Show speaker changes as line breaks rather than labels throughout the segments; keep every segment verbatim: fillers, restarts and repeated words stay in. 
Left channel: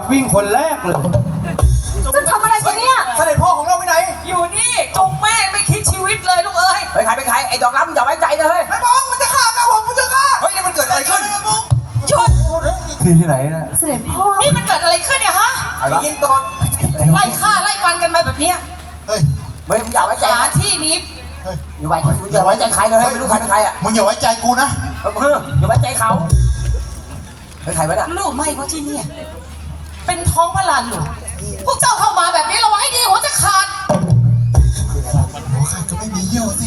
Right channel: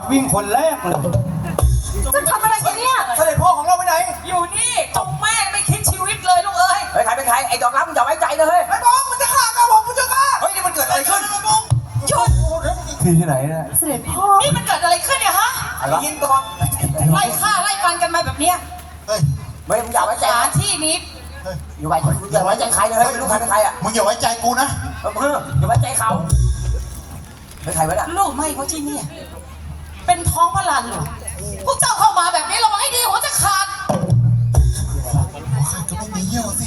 วิ่งคนแรกเลย
จะทำอะไรกันเนี่ย
เสด็จพ่อของเราไปไหน
อยู่นี่จงแม่ไม่คิดชีวิตเลยลูกเอ้ย
เฮ้ยใครเป็นใครไอ้ดอกล้ำอย่าไว้ใจเลย
ไอ้บองมันจะฆ่าก้าผมมันจะฆ่าเฮ้ยนี่มันเกิดอะไรขึ้น
ชุด
ที่ที่ไหนนะ
เสด็จพ่อนี่มันเกิดอะไรขึ้นเนี่ยฮะ
ไอ้ยินก่อน
ไล่ฆ่าไล่ฟันกันมาแบบเนี้ย
เฮ้ย
ไม่อย่าไว้ใจ
สถานที่นี้
อย่าไว้อย่าไว้ใจใครเลยไม่รู้ใครเป็นใครอ่ะ
มึงอย่าไว้ใจกูนะ
เอออย่าไว้ใจเขาเป็นใครวะเนี่ย
ลูกไม่ว่าที่นี่เป็นท้องพระลันเหรอพวกเจ้าเข้ามาแบบนี้ระวังให้ดีหัวจะขาด
หัวขาดก็ไม่มีเยี่ยวสิ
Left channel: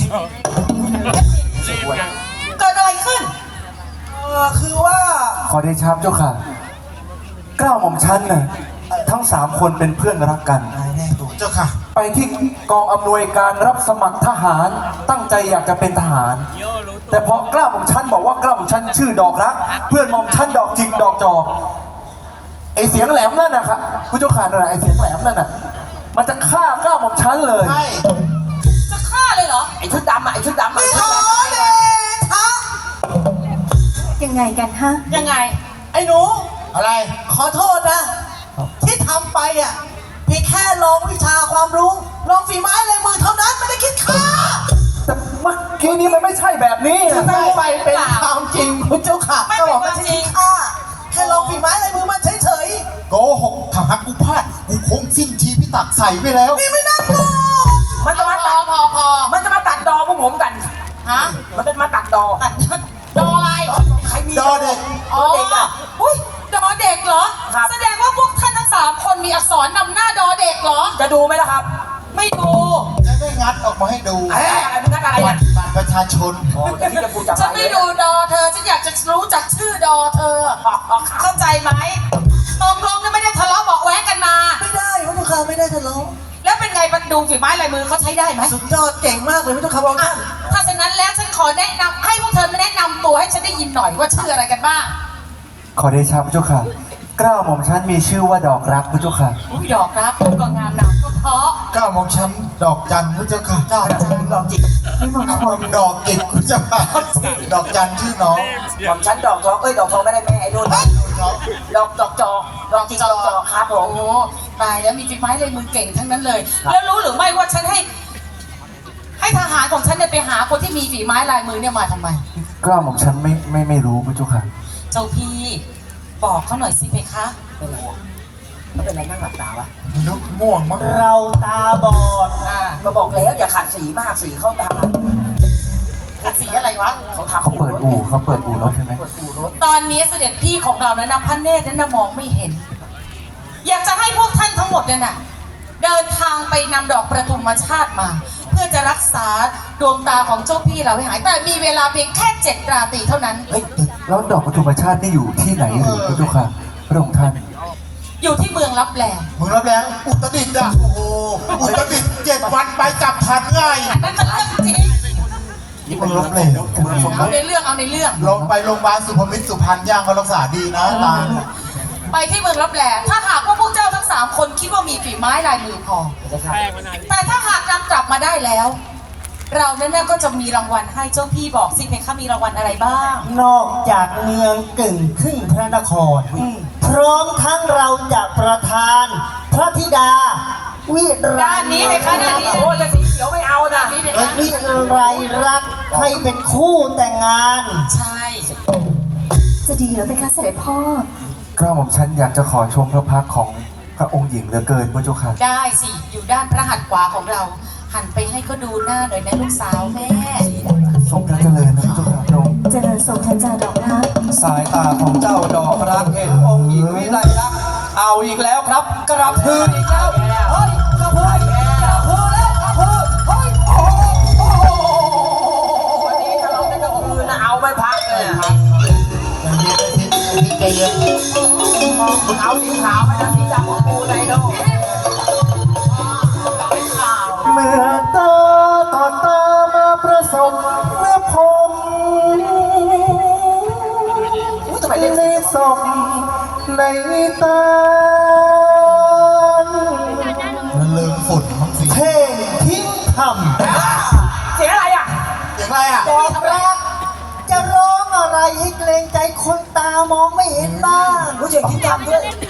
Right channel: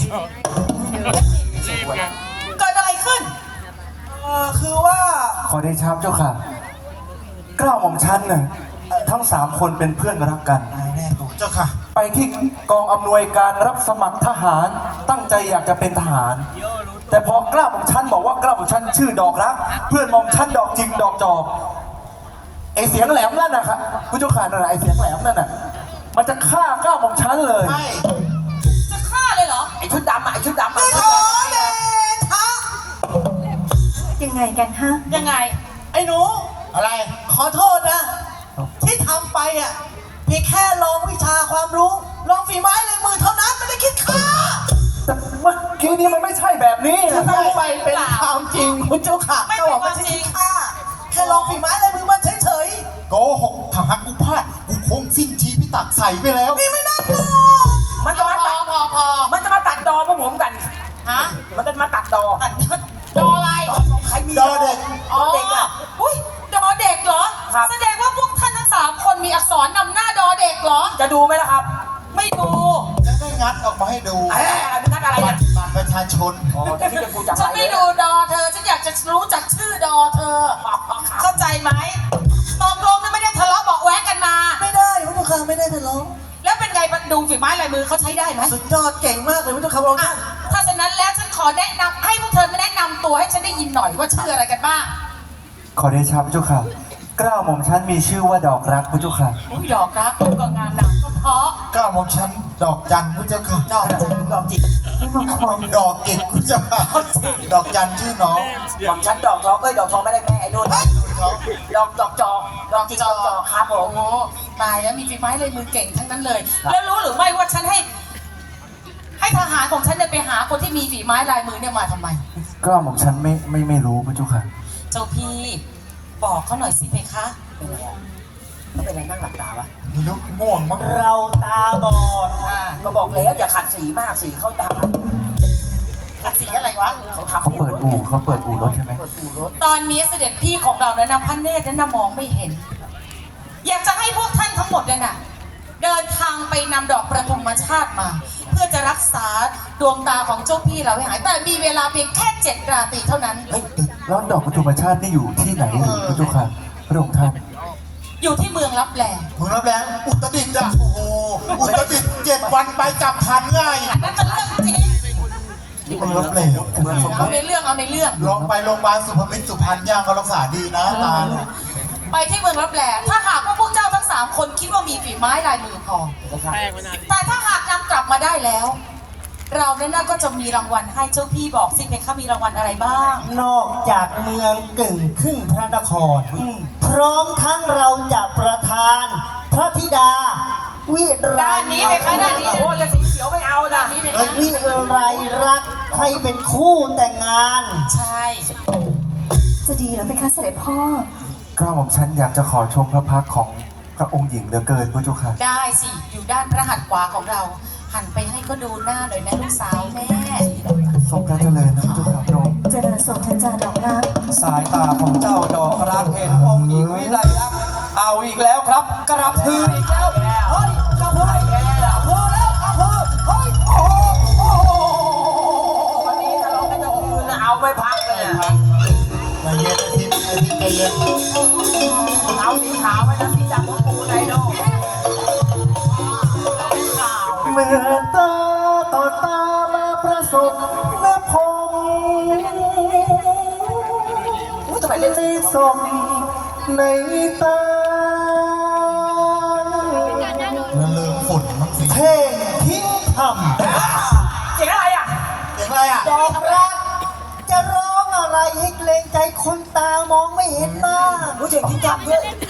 เกิดอะไรขึ้น
คือว่า
ขอได้ชับเจ้าค่ะเกล้าหม่อมชั้นน่ะทั้งสามคนเป็นเพื่อนรักกัน
แน่ตัวเจ้าค่ะ
ไปที่กองอำนวยการรับสมัครทหารตั้งใจอยากจะเป็นทหารแต่พอเกล้าหม่อมชั้นบอกว่าเกล้าหม่อมชั้นชื่อดอกรักเพื่อนหม่อมชั้นดอกจิกดอกจอกไอเสียงแหลมนั่นนะครับผู้เจ้าข่านั่นไอเสียงแหลมนั่นน่ะมันจะฆ่าเกล้าหม่อมชั้นเลย
ใช่
จะฆ่าเลยเหรอ
ไอชุดดำอ่ะไอชุดดำ
ไม่ขอเดชะ
ยังไงกันฮะยังไง
ไอ้หนูอะไรขอโทษนะที่ทำไปอ่ะเพียงแค่ลองวิชาความรู้ลองฝีไม้ลายมือเท่านั้นไม่ได้คิดฆ่า
แต่เมื่อกี้นี้มันไม่ใช่แบบนี้
นะต้องไปเป็นความจริงคุณเจ้าค่ะ
ไม่เป็นความจริง
ฆ่าแค่ลองฝีไม้ลายมือมันเฉยๆโกหกถ้าหักกูพลาดกูคงสิ้นชีพิตักใส่ไปแล้วนี่ไม่น่ากลัว
มันจะมาตัด
พอพอ
มันจะมาตัดดอพวกผมกัน
ฮะ
มันจะมาตัดดอ
ดออะไร
ใครมี
ดอเด็ก
อ๋ออุ้ยดอเด็กเหรอแสดงว่าพวกท่านทั้งสามคนมีอักษรนำหน้าดอเด็กเหรอ
จะดูไหมล่ะครับ
ไม่ดู
จะได้งัดออกมาให้ดู
เอ๊ะนักอะไร
เนี่ยบัตรประชาชน
โอ้แต่ที่จะกูจับ
ฉันไม่ดูดอเธอฉันอยากจะรู้จักชื่อดอเธอเข้าใจไหมตกลงนั้นไม่ได้ทะเลาะเบาะแว้งกันมา
ไม่ได้พวกเขาไม่ได้ทะเลาะ
แล้วเป็นไงมันดูฝีไม้ลายมือเขาใช้ได้ไหม
สุดยอดเก่งมากเลยไม่ต้องคำเอาท่าน
ถ้าฉะนั้นแล้วฉันขอแนะนำให้พวกเธอแนะนำตัวให้ฉันได้ยินหน่อยว่าชื่ออะไรกันบ้าง
ขอได้ชับเจ้าค่ะเกล้าหม่อมชั้นมีชื่อว่าดอกรักพระเจ้าค่ะ
ดอกรักก็งามหนักก็เพราะ
เกล้าหม่อมชั้นดอกจันพระเจ้าค่ะ
ดอกจันดอกจิก
ดอกกิกพระเจ้าค่ะดอกจันชื่อน้อง
หม่อมชั้นดอกทองเอ้ยดอกทองไม่ได้แม่ไอ้นู่นดอกดอกจอกดอกจิกดอกจอกครับผม
ตายแล้วมีฝีไม้ลายมือเก่งทั้งนั้นเลยแล้วรู้หรือไม่ว่าฉันให้ให้ทหารของฉันเนี่ยไปหาคนที่มีฝีไม้ลายมือเนี่ยมาทำไม
เกล้าหม่อมชั้นไม่ไม่ไม่รู้พระเจ้าค่ะ
เจ้าพี่บอกเขาหน่อยสิเพคะ
เป็นไรเขาเป็นอะไรนั่งหลับตาปะ
ไม่รู้ง่วงมั้ง
เราตาบอดอ่ามาบอกแล้วอย่าขัดสีมากสีเข้าตา
ขัดสีอะไรวะ
เขาทำ
เขาเปิดอู่เขาเปิดอู่รถใช่ไหม
ตอนนี้เสด็จพี่ของเราเนี่ยนะพระเนตรนั้นมองไม่เห็นอยากจะให้พวกท่านทั้งหมดเนี่ยนะเดินทางไปนำดอกประทุมชาติมาเพื่อจะรักษาดวงตาของเจ้าพี่เราให้หายแต่มีเวลาเพียงแค่เจ็ดราตรีเท่านั้น
เฮ้ยแล้วดอกปฐุมชาตินี่อยู่ที่ไหนหรือพระเจ้าค่ะพระองค์ท่าน
อยู่ที่เมืองลับแล
เมืองลับแลอุตรดิตถ์อ่ะโอ้โหอุตรดิตถ์เจ็ดวันไปจับทันง่าย
นั่นก็เรื่องจริง
นี่เมืองลับแล
เอาในเรื่องเอาในเรื่อง
ลองไปโรงพยาบาลสุพรรณมิตรสุพรรณย่างเขารักษาดีนะตา
ไปที่เมืองลับแลถ้าหากว่าพวกเจ้าทั้งสามคนคิดว่ามีฝีไม้ลายมือพอแต่ถ้าหากนำกลับมาได้แล้วเราเนี่ยก็จะมีรางวัลให้เจ้าพี่บอกสิเพคะมีรางวัลอะไรบ้าง
นอกจากเมืองกึ่งครึ่งพระนครพร้อมทั้งเราจะประทานพระธิดาวิไร
ด้านนี้เพคะด้านนี้
โอ้ยสีเขียวไม่เอานะ
วิไรรักให้เป็นคู่แต่งงาน
ใช่
จะดีเหรอเพคะเสด็จพ่อ
เกล้าหม่อมชั้นอยากจะขอชมพระพักของพระองค์หญิงเหลือเกินพระเจ้าค่ะ
ได้สิอยู่ด้านพระหัตถ์ขวาของเราหันไปให้เขาดูหน้าหน่อยนะลูกสาวแม่
ทรงพระเจริญนะพระเจ้าค่ะพระองค์
เจริญทรงเจริญดอกรัก
สายตาของเจ้าดอกรักเห็นองค์หญิงวิไลลักษณ์เอาอีกแล้วครับกระพืออีกแล้วเฮ้ยกระพือกระพือแล้วกระพือเฮ้ยโอ้โห
วันนี้ถ้าเราไม่กระพือนะเอาไปพักเลย
ใจเย็นทิพย์ทิพย์ใจเย็น
เอาสีขาวมาสีดำของกูไดโน่
เมื่อตาต่อตามาประสบเมื่อพงในสมในตา
มันลืมฝุ่นมั้งสิ
เท่งทิ้งท
ำเสียงอะไรอ่ะ
เสียงอะไรอ่ะ
ำดอกรักจะร้องอะไรให้เกรงใจคนตามองไม่เห็นบ้าง
รู้เสียงทิ้งทำด้วย
ใจ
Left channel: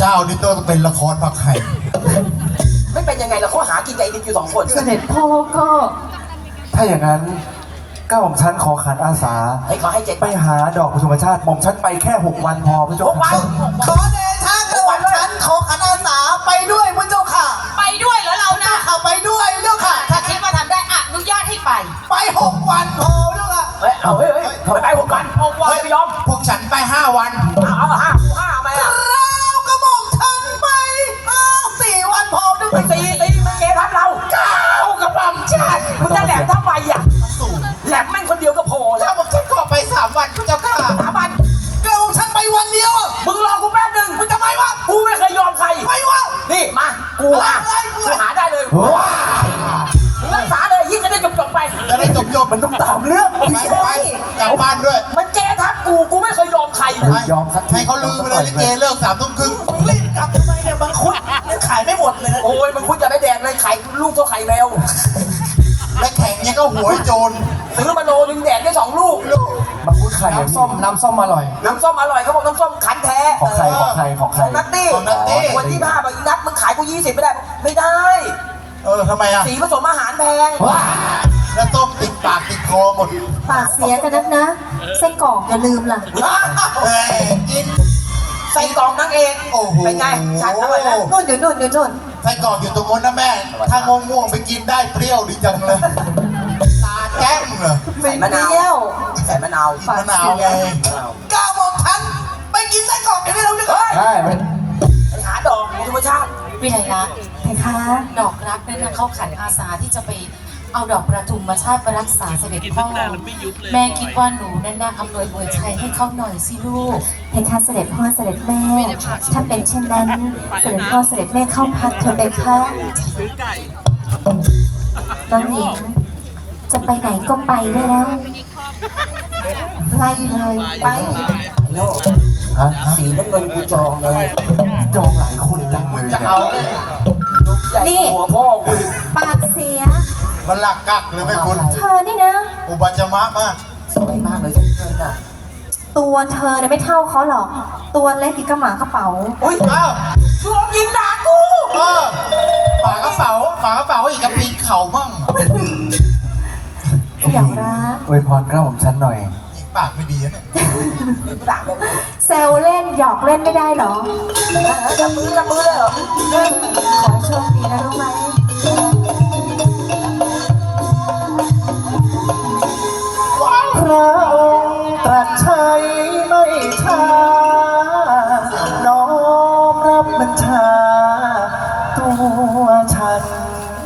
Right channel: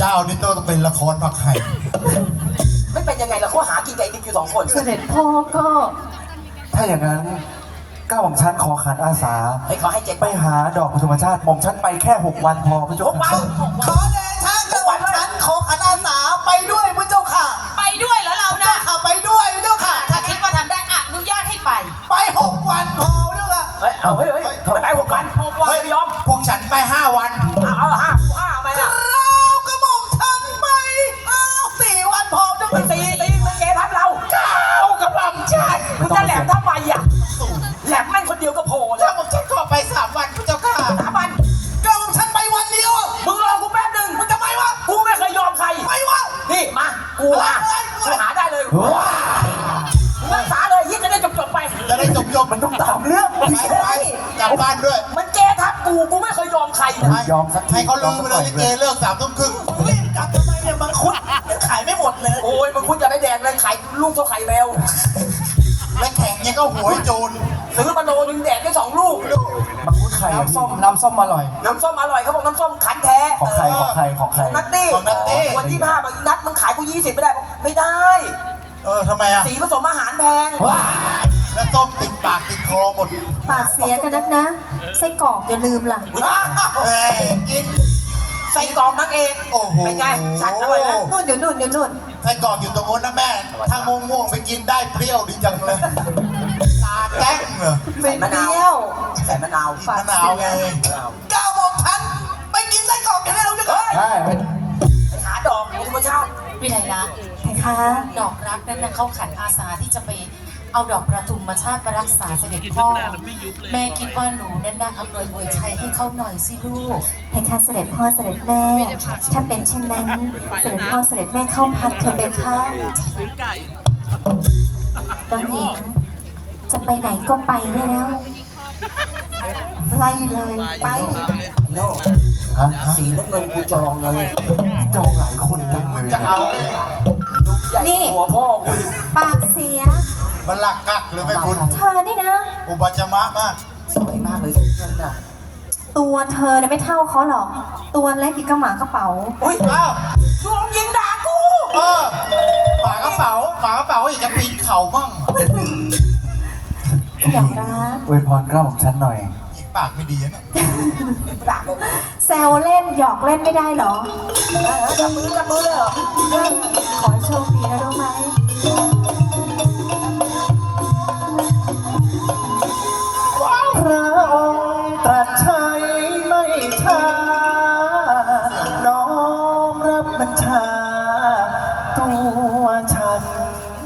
เจ้านี่ต้องเป็นละครผักไห่
ไม่เป็นยังไงล่ะเขาหากินกับไอ้นิดอยู่สองคน
เสด็จพ่อก็
ถ้าอย่างนั้นก้าวของฉันขอขันอาสา
เฮ้ยขอให้เจ็ด
ไปหาดอกปฐมชาติหม่อมฉันไปแค่หกวันพอพระเจ้า
หกวัน
ขอเดชะกระหม่อมฉันขอขันอาสาไปด้วยพระเจ้าค่ะ
ไปด้วยเหรอเรานะ
ข้าไปด้วยพระเจ้าค่ะ
ถ้าคิดว่าทำได้อนุญาตให้ไป
ไปหกวันพอพระเจ้าค่ะ
เฮ้ยเอาเฮ้ยเฮ้ยทำไมไปหกวันหกวันไม่ยอม
พวกฉันไปห้าวัน
เอาเอาห้ากูห้าไหมอ่ะ
เรากระหม่อมฉันไปเอาสี่วันพอพระเจ้าค่ะ
ตีตีมันเกทับเราเก้ากระบำฉันมึงจะแหลมทำไมอ่ะแหลมแม่งคนเดียวก็พอแล้
เจ้าว บอกฉันขอไปสามวันพระเจ้าค่ะ
สามวัน
กระหม่อมฉันไปวันเดียว
มึงรอกูแป๊บหนึ่งมึงทำไมวะกูไม่เคยยอมใคร
ไปวะ
นี่มากูอ่ะกูหาได้เลยรักษาเลยยิ่งจะได้จบๆไป
จะได้จบจบ
มันต้องตามเรื่อง
ไปไปกลับบ้านด้วย
มันเจทับกูกูไม่เคยยอมใครนะ
ให้ให้เขาลืมไปเลยลิเกเลิกสามทุ่มครึ่ง
รีบกลับทำไมเนี่ยมังคุดมันขายไม่หมดเลย
โอ้ยมันคุณจะได้แดงเลยไข่ลูกเท่าไข่แมว
และแข่งเนี่ยก็หัวไอ้โจร
ซื้อมาโลนึงแดกได้สองลูก
มังคุดไข่
น้ำส้มน้ำส้มอร่อย
น้ำส้มอร่อยเขาบอกน้ำส้มขันแท้
ของใครของใครของใค
ข
ร
องนัตตี้วันที่ห้าบาทนัดมึงขายกูยี่สิบไม่ได้บอกไม่ได้
เออทำไมอ่ะ
สีผสมอาหารแพง
แล้วต้มติดปากติดคอหมด
ปากเสียกันนักนะไส้กรอกอย่าลืมล่ะ
เอ้ยกิน
ใส่กล่องนั่งเอง
โอ้โห
เป็นไงฉันอร่อยไหม
นู่นอยู่นู่นอยู่นู่น
ไส้กรอกอยู่ตรงนู้นนะแม่ ถ้างงงๆไปกินได้เปรี้ยวดีจังเลย ตาแต้มเหรอ
ใส่มะนาว
เปรี้ยว
ใส่มะนาว
มะนาวไง
กระหม่อมฉันไปกินไส้กรอกกันได้แล้วเนี่ย
เฮ้ย
ได้ไหม
ไปหาดอกธรรมชาติ
วิไลลักษณ์
เพคะ
ดอกรักนั่นนะเข้าขันอาสาที่จะไปเอาดอกประทุมมาชาติไปรักษาเสด็จพ่อ แม่คิดว่าหนูนั่นน่าอำนวยอวยชัยให้เขาหน่อยสิลูก
เพคะเสด็จพ่อเสด็จแม่ ถ้าเป็นเช่นนั้น เสด็จพ่อเสด็จแม่เข้าพักเถอะเพคะน้องหญิงจะไปไหนก็ไปได้แล้วไล่เลยไป
โน่
ฮะ
สีน้ำเงินกูจองเลย
จองหลายคนจังเลย
จะเอาเลย
ลูกใหญ่หัวพ่อกู
ปากเสีย
มันหลักกักเลยแม่คุณ
เธอนี่นะ
อุบัจจมะมาก
สวยมากเลยสีเงินอ่ะ
ตัวเธอเนี่ยไม่เท่าเขาหรอก ตัวเล็กอีกกระหมากระเป๋า
อุ้ย
อ้าว
รวมยิงด่ากู
เออฝากระเป๋าฝากระเป๋าอีกจะปีนเข่าบ้าง
อยากรัก
อวยพรกล้าวของฉันหน่อย
อีกปากไม่ดีนะเนี่ย
ด่ากู
แซวเล่นหยอกเล่นไม่ได้เหรอ
จับมือจับมือเลยเหรอ
ขอให้โชคดีนะรู้ไหม
พระองค์ตรัสใช้ไม่ช้าน้อมรับบัญชาตัวฉัน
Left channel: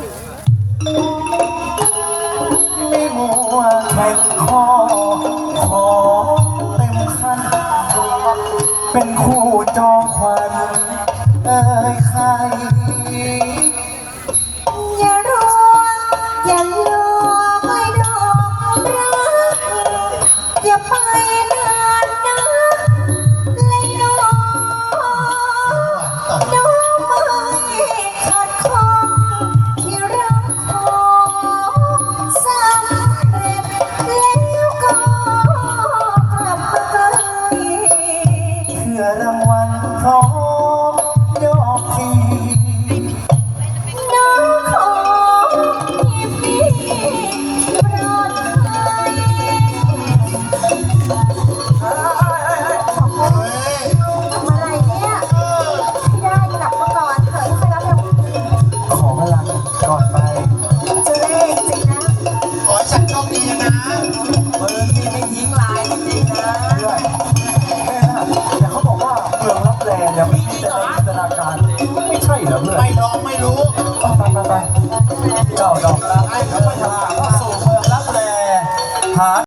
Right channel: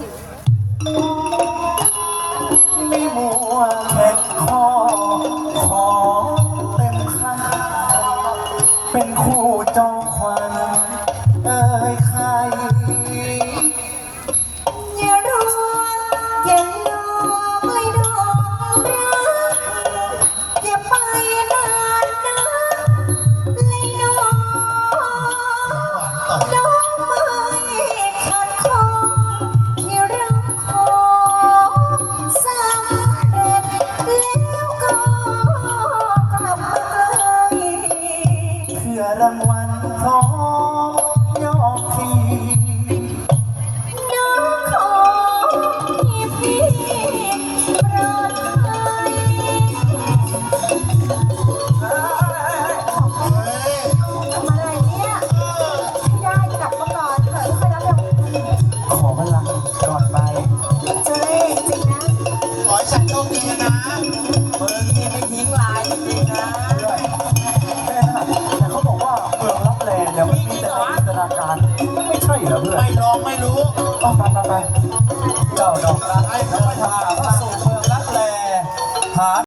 ไม่มัวแข่งข้อขอเต็มขั้นเป็นคู่จองควันเอ่ยใคร
อย่ารัวอย่าลื